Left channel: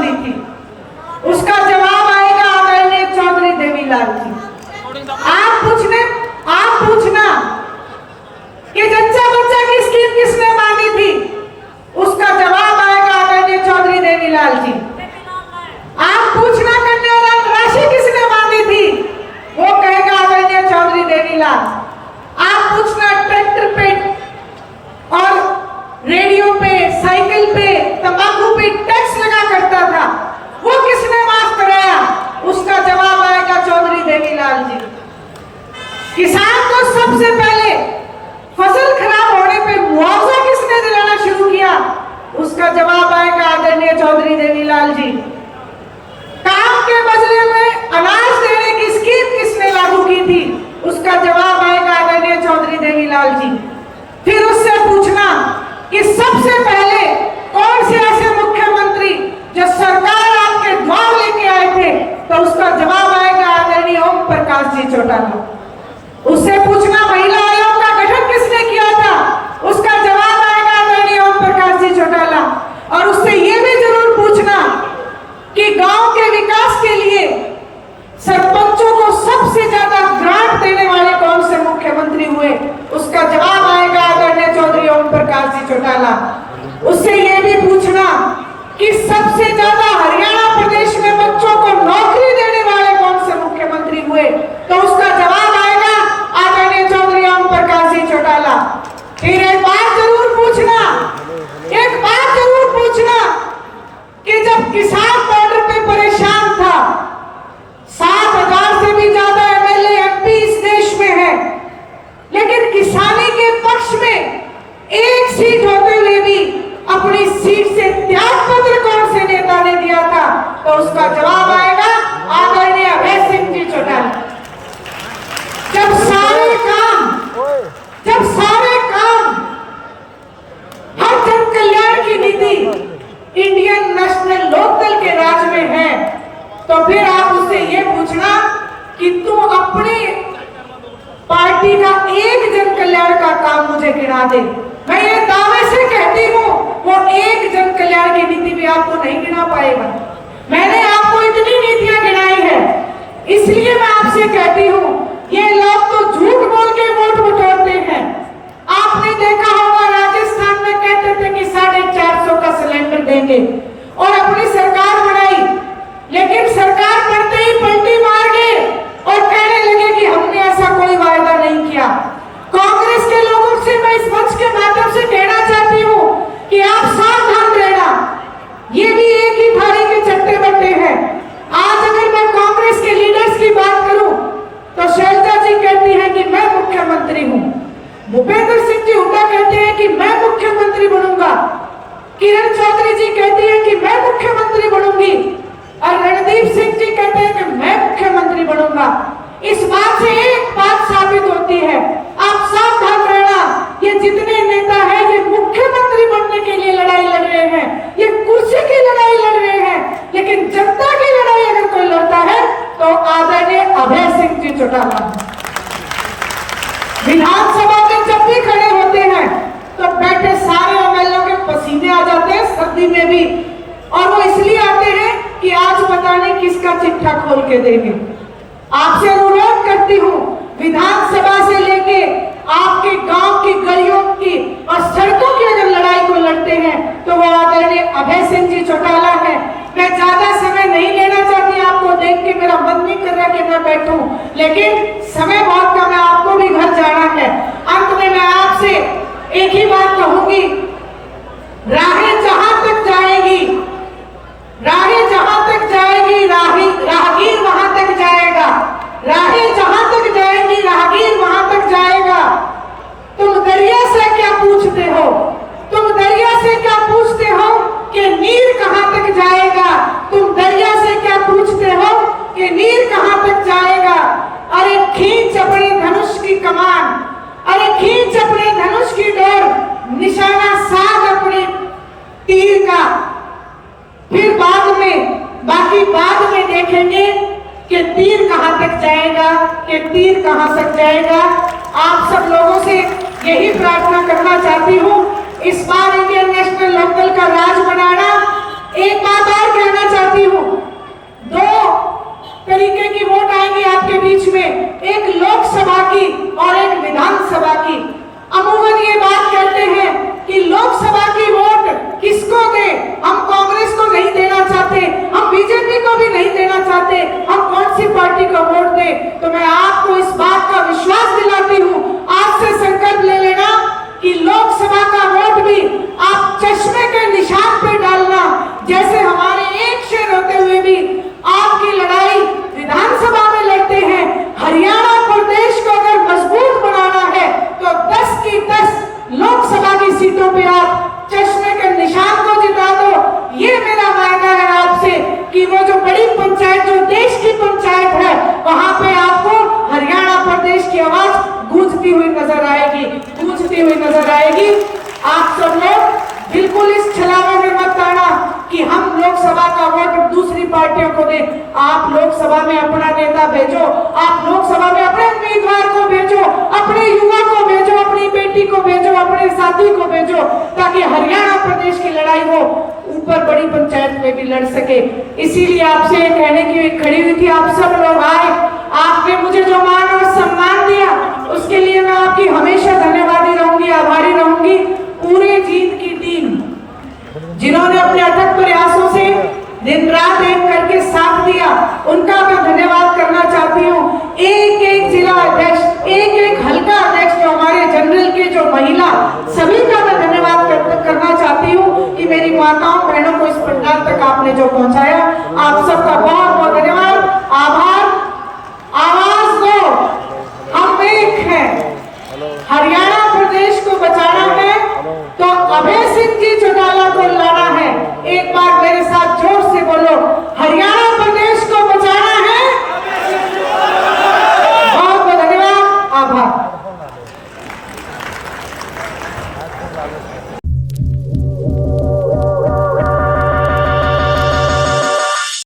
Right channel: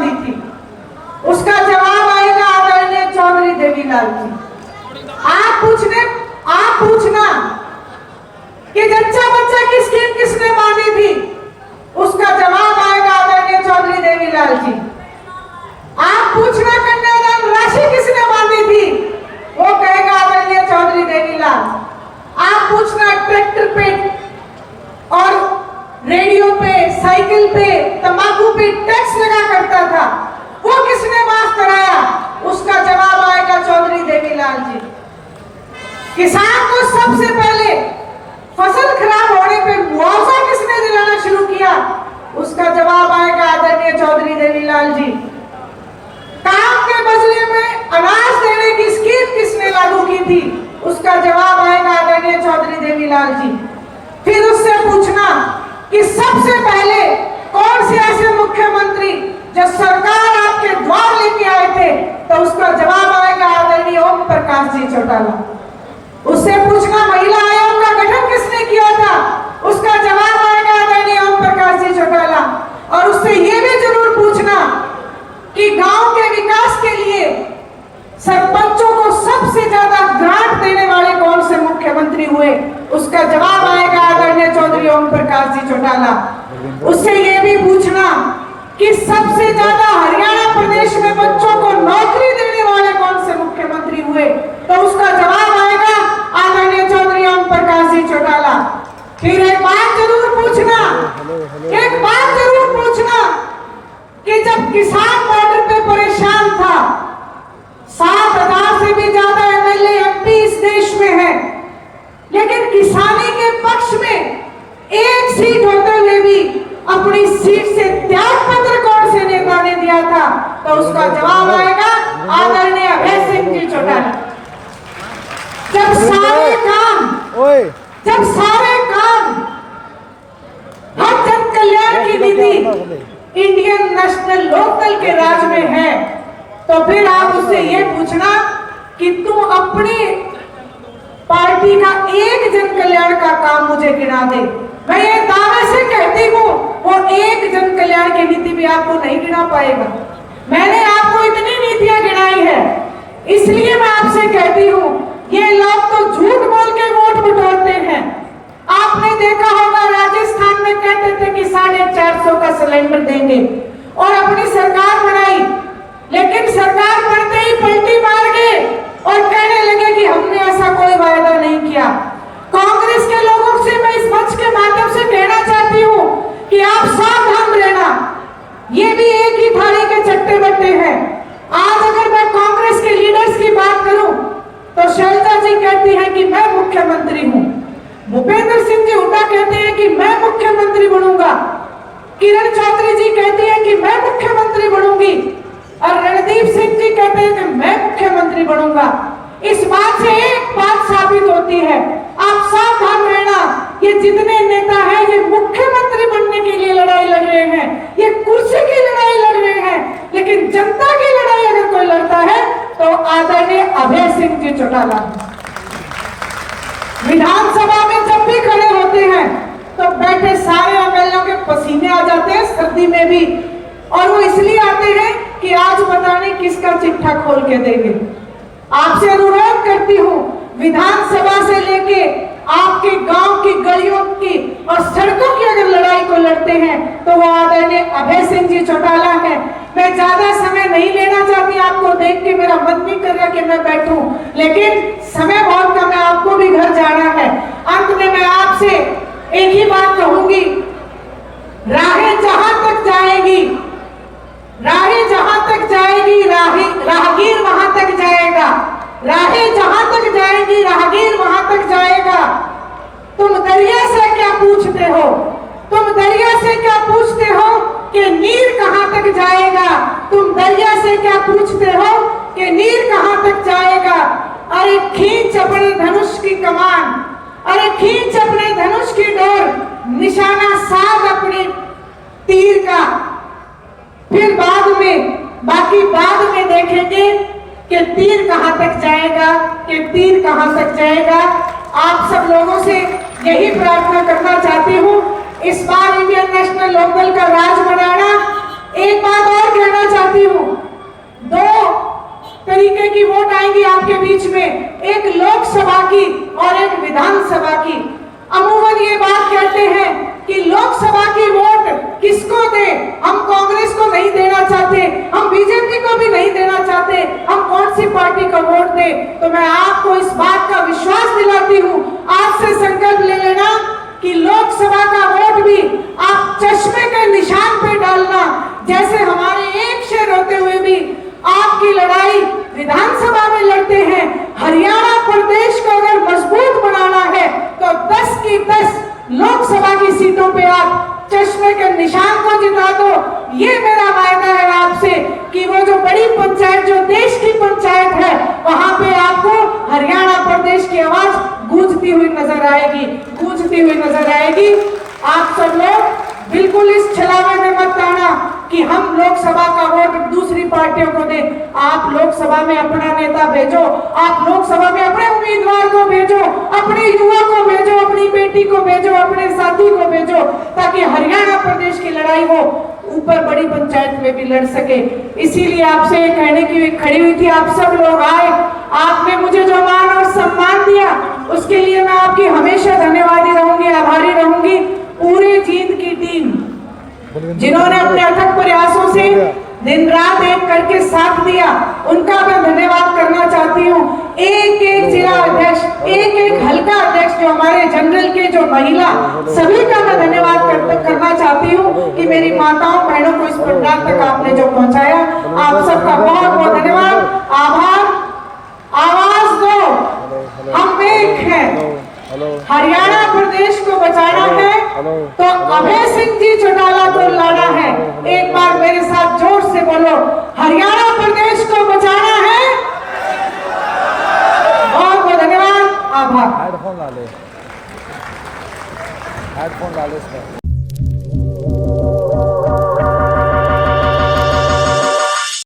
बांधी थी? उसका जवाब आएगा आदरणीय चौधरी देवीलाल जी। आप पूछना कि जच्चा बच्चा की स्कीम किसने बांधी थी? उसका जवाब आएगा आदरणीय चौधरी देवीलाल जी। आप पूछना कन्यादान राशि किसने बांधी थी? वो कहेगा आदरणीय चौधरी देवीलाल। आप पूछना ट्रैक्टर पे और रेडियो पे, साइकिल पे, तंबाकू पे टैक्स लगा करता था, वो किसने माफ कराया? उसका जवाब आएगा चौधरी देवीलाल जी। किसान को सबसे पहले फसल खराब होने पे मुआवजा किसने दिलाना शुरू किया? उसका जवाब आएगा आदरणीय चौधरी देवीलाल जी। काम के बदले में अनाज देने की स्कीम किसने लागू की थी? उसका जवाब आएगा आदरणीय चौधरी देवीलाल जी। फिर उससे पूछना कि सबसे पहले कौन से ऐसे मुख्यमंत्री जो सरकार आपके द्वार लेके आए थे? तो उसका जवाब आएगा आदरणीय ओम प्रकाश जी चौटाला। उससे पूछना महिला आयोग का गठन किसने किया था? उसका जवाब आएगा आदरणीय ओम प्रकाश जी चौटाला। और उससे यह भी जरूर पूछना कि गांव के विकास के लिए सरपंचों को सबसे ज्यादा ग्रांट देने वाले कौन से मुख्यमंत्री हुए? उसका जवाब आएगा आदरणीय चौधरी ओम प्रकाश जी चौटाला। उससे यह भी पूछना कि सबसे ज्यादा हरियाणा प्रदेश में बच्चों को नौकरी देने वाले कौन से मुख्यमंत्री हुए? तो उसका जवाब आएगा आदरणीय चौधरी ओम प्रकाश जी चौटाला। फिर एक बात जरूर पूछना कि जब किसान बॉर्डर पे परेशान था, 7,000 से भी ज्यादा एमएलए एमपी इस देश में है, लेकिन किसानी के पक्ष में एक सीट होते हुए भी अपनी सीट से त्याग पत्र कौन से नेता ने दिया था? तो उसका जवाब आएगा आदरणीय अभय सिंह जी चौटाला। जब सारे काम हर जन कल्याण की नीति इंडियन नेशनल लोकदल के राज में है, तो फिर आप उससे ये पूछना कि तुम अपनी पार्टी का एक जन कल्याण का काम मुझे गिना दे। मैं ये दावे से कहती हूँ वो एक जन कल्याण की नीति भी आपको नहीं गिना पाएगा। मैंने आपको इतनी नीतियां गिनाई है, इसलिए मैं आपसे कहती हूँ ये लोग तो झूठ बोल के वोट बटोरते हैं। आपने देखा होगा राजस्थान में कहते थे कि 450 का सिलेंडर देंगे और अपनी सरकार बनाई, लेकिन सरकार बनते ही पलटी मार गए और कहने लगे कि हमने ऐसा कोई वायदा नहीं किया। कांग्रेस के लोगों से मैं इस मंच के माध्यम से कहना चाहती हूँ कि आप सावधान रहना, ये भी एक ही थाली के चट्टे बट्टे हैं। आज अगर मैं कांग्रेस के लीडर्स की बात करूं तो शैलजा जी कहती हैं कि मैं मुख्यमंत्री हूं, भूपेंद्र सिंह जी हुड्डा कहते हैं कि मैं मुख्यमंत्री बनूंगा, किरण चौधरी जी कहती हैं कि मैं मुख्यमंत्री बनूंगी और रणदीप सिंह जी कहते हैं कि मैं मुख्यमंत्री बनूंगा। इस बात से एक बात साबित होती है, आप सावधान रहना, ये जितने नेता हैं ये मुख्यमंत्री बनने के लिए लड़ाई लड़ रहे हैं, ये कुर्सी की लड़ाई लड़ रहे हैं, लेकिन जनता की लड़ाई अगर कोई लड़ता है तो आदरणीय अभय सिंह जी चौटाला। विधानसभा में जब भी खड़े होते हैं तो बैठे सारे एमएलए के पसीने आ जाते हैं, सर्दी में भी, और वो इसलिए आते हैं कि आज पता नहीं किसका चिट्ठा खोल के देंगे। आपसे अनुरोध करती हूँ, विधानसभा से लेके आपके गांव की गलियों की और सड़कों की अगर लड़ाई को लड़ते हैं तो वो आदरणीय अभय सिंह जी चौटाला है। मैं ज्यादा समय नहीं लेना चाहती, आपको देख के मेरा मन नहीं कर रहा कि मैं बैठूं, लेकिन समय बहुत कम है, आपको भी घर जाना है। अंत में मैं आपसे एक ही बात कहूंगी, राहें जहां तक जाएगी, राहगीर वहां तक जाएगा, राहें जहां तक जाएंगी राहगीर वहां तक जाएगा। तुम दरिया से क्या पूछते हो, तुम दरिया से क्या पूछते हो कि नीर कहां तक जाएगा, तुम दरिया से क्या पूछते हो कि नीर कहां तक जाएगा। अरे खींच अपने धनुष की कमान, अरे खींच अपने धनुष की डोर, निशाना साध अपने तीर का, फिर बाद में देखेंगे कि तीर कहां तक जाएगा, कि तीर कहां तक जाएगा। आप सब लोगों से यही प्रार्थना करना चाहती हूँ, इस बार इंडियन नेशनल लोकदल का राज बनाना एक बात और कहना चाहती हूँ, दो तरीके की वोट आएंगी आपके बीच में, एक लोकसभा की और एक विधानसभा की। अमूमन ये बात कहते हैं कि लोकसभा की वोट किसको दे, हम कांग्रेस को नहीं देना चाहते, हम बीजेपी को भी नहीं देना चाहते, हम कौन सी पार्टी को वोट दे। तो मैं आपको इस बात का विश्वास दिलाती हूँ, आज से संकल्प ले लेना कि लोकसभा का वोट भी आप चश्मे के निशान पे डालना। जैसे हमारे एक शेर होते हुए भी आपकी लड़ाई विधानसभा में लड़ते हैं, हरियाणा प्रदेश को अगर मजबूत बनाना है तो 10 की 10 लोकसभा की सीटों पे आप चश्मे के निशान को जिता दो। ये मेरा वायदा है आपसे कि वो जो बड़ी पंचायत, जो देश की पंचायत है, वहां पे आपको हरियाणा प्रदेश की आवाज गूंजती हुई नजर आएगी, गूंजती हुई नजर आएगी। आप सब लोग बिल्कुल इस छलावे में मत आना कि हम लोकसभा का वोट दूसरी पार्टियों को दें। आप लोकसभा में अपना नेता भेजो, आप लोकसभा में अपने उम्मीदवार को भेजो, अपने युवा को भेजो, अपनी बेटी को भेजो, अपने साथी को भेजो, ताकि हरियाणा प्रदेश की लड़ाई वो ऊपर बड़ी पंचायत में भी लड़ सके। इसीलिए आपसे कहने की खड़ी हुई थी, आप सब लोग आए, आपने मुझे जो मान और सम्मान दिया उसके लिए मैं आपकी हमेशा धन्यवादी रहूंगी, आभारी रहूंगी। पूरे जीत की टीम जिन्होंने अपने अथक प्रयासों से दिन रात एक करके साथ दिया, उनका मैं धन्यवाद करना चाहती हूँ। एक एक जिला अध्यक्ष, एक एक हल्का अध्यक्ष, जो हमारे जनरल के, जो महिला, सभी का मैं धन्यवाद करना चाहती हूँ कि मेरी माताओं बहनों को इस पंडाल तक आपने जो पहुंचाया, आप सबका बहुत बहुत धन्यवाद, आभार। आवाज दो, हम एक हैं। हरियाणा प्रदेश को बचाना है तो अभय सिंह जी चौटाला को लाना है। एक बार मेरे साथ जोर से बोलो, हरियाणा प्रदेश को बचाना है। बहुत बहुत धन्यवाद, आभार।